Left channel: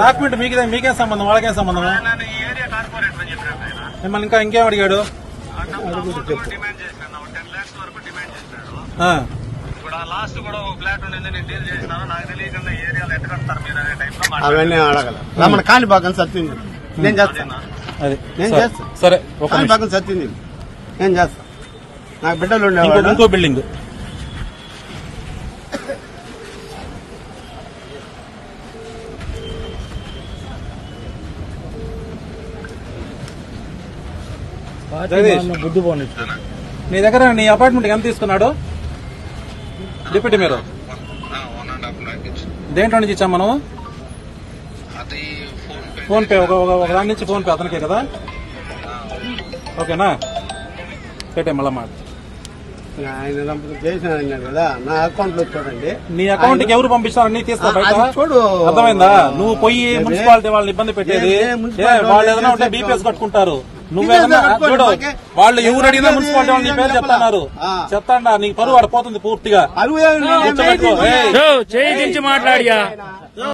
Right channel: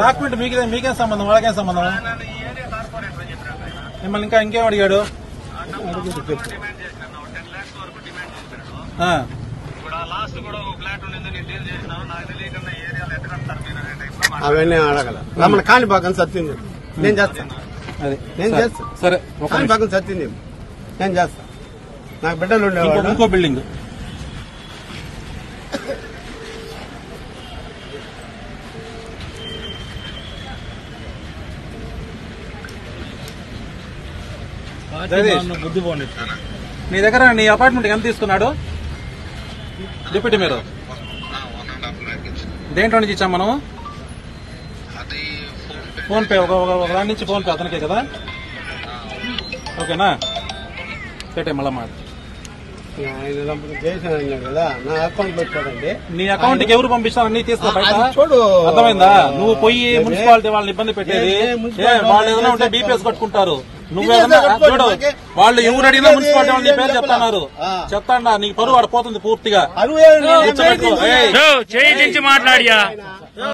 Document మీకేం సంబంధం, వాళ్ళకేం సంబంధం? మిమ్మల్ని ఇంకేం అడిగాడు? అవన్నీ అడగల రమ్మని కాణిపాకం సత్యం నేను చేస్తాను. నేను చేస్తాను. సరే, కాణిపాకం సత్యం నేను చేస్తాను. నాకు బిడ్డలు ఉండేవాడు. ఇంకో బిల్డింగ్ బుద్ధి పోనీ. నీ దగ్గర నీ అపార్ట్మెంట్ ఎంత తీసుకున్నాడు డిప్యూటీ మీరు? దేంట్లో నుంచి ఇచ్చాం మనం? ఫోన్ పే, ఒక దాని నుంచి ఫోన్ పే అతనికే కదా? ఓకేనా, పెట్టే మళ్ళా మాట. కదా నా అకౌంట్ లో చూడండి. నీ అకౌంట్ కి ఎవరు పంపిస్తారని తీసుకో చూడు. అర్థమైందా? నువ్వు పోయి మున్సిపాలిటీ వాళ్ళని ఇబ్బంది పెట్టేది. వాళ్ళు ఏదైనా ఉంటే డిపిఎస్ కట్టుకుంటారు. నువ్వేదన్నా చూడు, వాళ్ళు ఎవరు అడిగినా మున్సిపాలిటీ వాళ్ళని పేరు చెప్తున్నారు. చెప్తాడా నీకు పరువు పడిపోతుంది పూర్తిగా. చేయించి మాట్లాడియా